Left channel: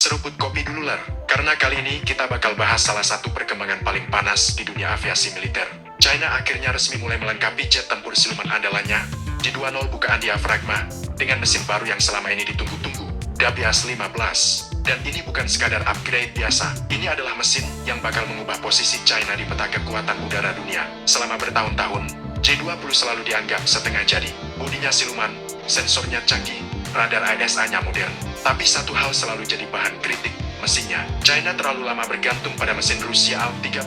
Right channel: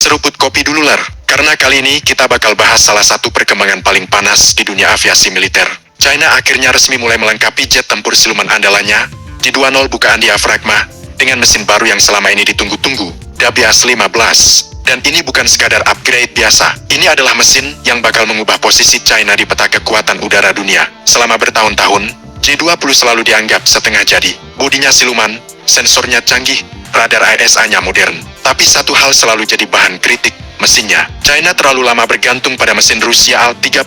Seruput kopi dulu ler, karena kali ini kita bakal bahas salah satu perkembangan paling panas di dunia aviasi militer. China akhirnya resmi mulai melengkapi jet tempur siluman andalannya, J-20 bukaan diafragma, dengan mesin baru yang selama ini ditunggu-tunggu, Dabias 15. Dan ini bukan sekadar upgrade biasa, ini adalah mesin yang bakal mengubah posisi China di peta kekuatan udara dunia. Selama bertahun-tahun, J-20 selalu dianggap setengah jadi. Bodinya siluman, sensornya canggih, radar ISA-nya modern. Tapi satu hal selalu jadi bahan kritik, mesinnya. China terlalu lama bergantung pada mesin Rusia Al-31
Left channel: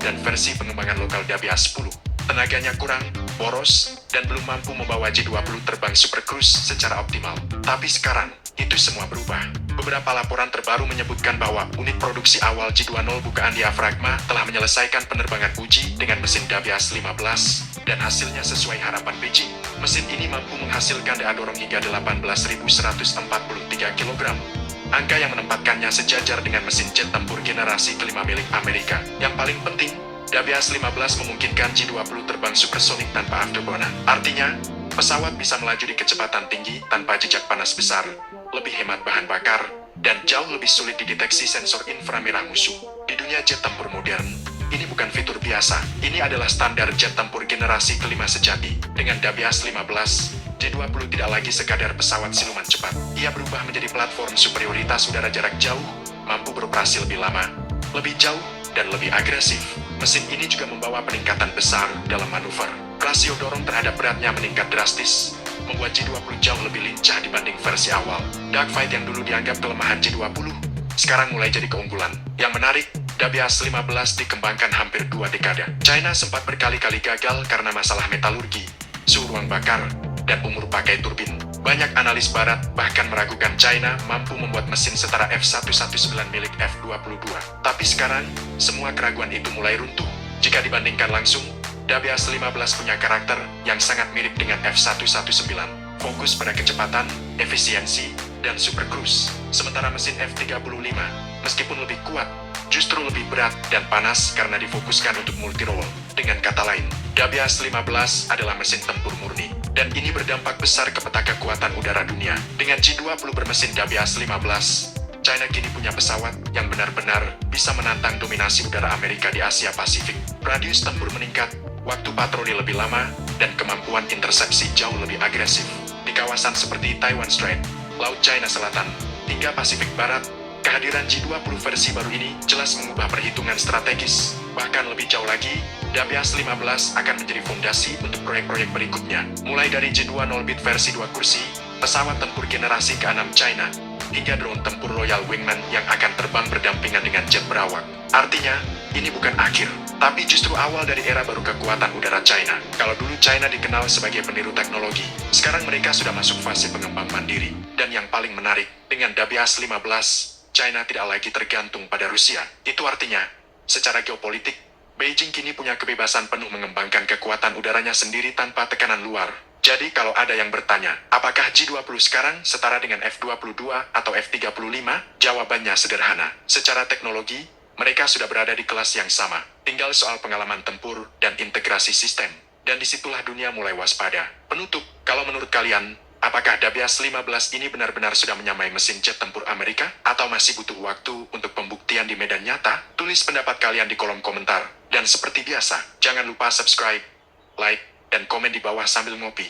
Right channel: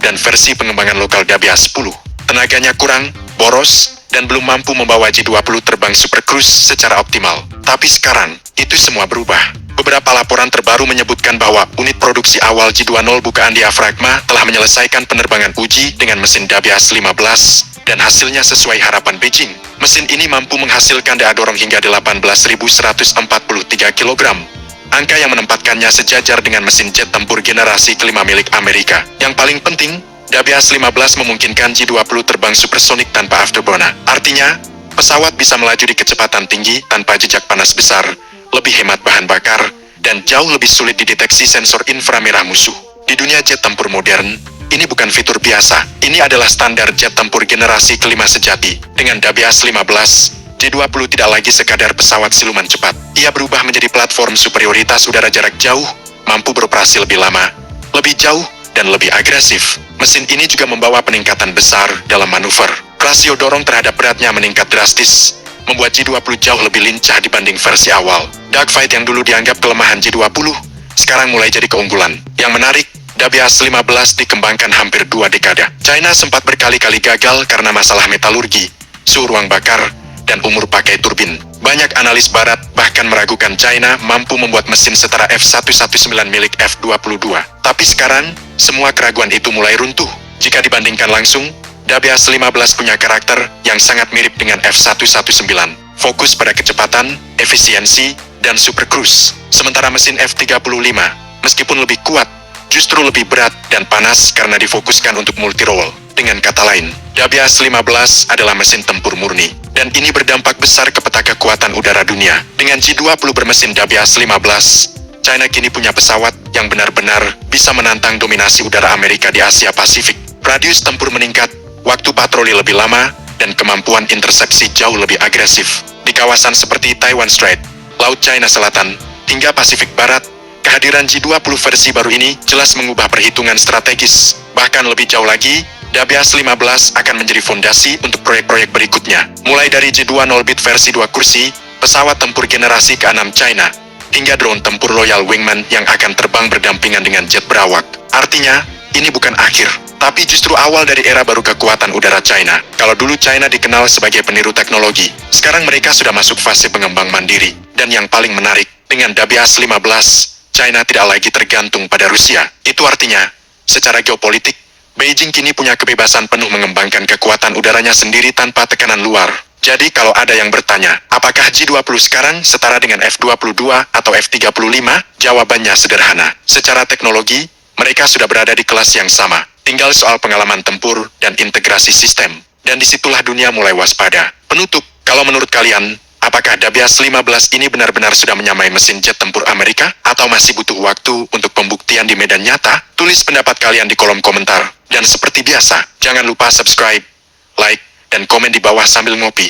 dan versi pengembangan lokal Dabias 10. Tenaganya kurang, boros, dan belum mampu membawa J-20 terbang Super Cruise secara optimal. Tapi sekarang, itu semua berubah. Beberapa laporan terbaru menyebutkan bahwa unit produksi awal J-20 bukaan diafragma telah menyelesaikan penerbangan uji dengan mesin Dabias 15, dan hasilnya sesuai harapan Beijing. Mesin ini mampu menghasilkan daya dorong hingga 18.143 kg. Angka yang menempatkannya sejajar dengan mesin jet tempur generasi kelima milik Amerika. Yang paling penting, Dabias 15 memungkinkan J-20 terbang supersonik tanpa afterburner. Artinya, pesawat bisa melaju di kecepatan tinggi tanpa jejak panas besar, lebih hemat bahan bakar, dan jauh lebih sulit dideteksi sensor inframerah musuh. Di dunia jet tempur modern, ini bukan fitur biasa, ini adalah standar jet tempur generasi kelima sejati. Dengan Dabias 15, J-20 tidak lagi sekadar pesawat siluman cepat. Ia berubah menjadi platform superioritas udara jarak jauh, mampu beroperasi lebih lama, lebih jauh, dan lebih agresif. Mesin ini juga membawa peningkatan besar dalam manuver. Rasio dorong terhadap beratnya meningkat drastis, membuat J-20 jauh lebih lincah dibanding versi awal. Dogfight yang dulu dianggap kelemahan J-20, sekarang mulai jadi keunggulan. Yang menarik, Dabias 15 dikembangkan hampir 2 dekade. China sempat berkali-kali gagal karena masalah metalurgi, suhu ruang bakar, dan umur pakai turbin. Banyak analis barat bahkan meragukan China mampu membuat mesin setara F-119 milik F-22. Tapi sekarang, semua keraguan itu mulai runtuh. Jika dibandingkan langsung, Dabias 15 punya karakter yang sangat mirip dengan F-119. Fokus pada kecepatan, efisiensi, dan super cruise. Sementara mesin F-35, meskipun lebih kuat, justru lebih berat dan panas karena difokuskan untuk multi-role. Dengan kata lain, Dabias 15 adalah mesin tempur murni, dan ini berdampak besar ke peta kekuatan udara dunia. Dengan J-20 bermesin Dabias 15, China kini punya pesawat yang benar-benar bisa menantang dominasi udara Amerika di Asia Pasifik. Radius tempur meningkat, waktu patroli lebih lama, dan kemampuan intersepsi jauh lebih agresif. Di kawasan seperti Taiwan Strait, Laut China Selatan, hingga Pasifik Barat, kehadiran J-20 versi baru ini jelas mengubah perhitungan strategis. Bahkan lebih jauh lagi, Dabias 15 akan menjadi fondasi untuk proyek-proyek berikutnya. Mulai dari J-20 Beat versi 2 kursi, pesawat tempur generasi ke-6 China, hingga drone tempur Loyal Wingman yang akan terbang berdampingan dengan jet berawak. Artinya, ini bukan akhir, tapi justru awal dari era baru kekuatan udara China. Kalau dulu China dikenal sebagai peniru teknologi, sekarang mereka sudah masuk fase pengembang mandiri. Dan yang paling menarik, dengan Dabias 15, China tidak lagi tergantung pada Rusia. Itu artinya, secara geopolitik, Beijing kini punya kebebasan penuh mengembangkan kekuatan udaranya sendiri tanpa tekanan luar. Jadi kalau ada yang bertanya, apakah J-20 sekarang setara dengan F-22 atau F-35? Jawabannya sederhana. Secara teknologi, mereka sudah berada di kelas yang sama. Tinggal soal pengalaman tempur dan integrasi sistem. Dan disitulah dunia mulai waspada. Penutup, kalau menurut kalian, apakah Dabias 15 ini benar-benar sudah menyamai mesin jet tempur Amerika? Atau masih butuh waktu untuk pembuktian di medan nyata? Tulis pendapat kalian di kolom komentar. Dan seperti biasa, jangan lupa subscribe, like, dan komen di bawah sambil ngopi.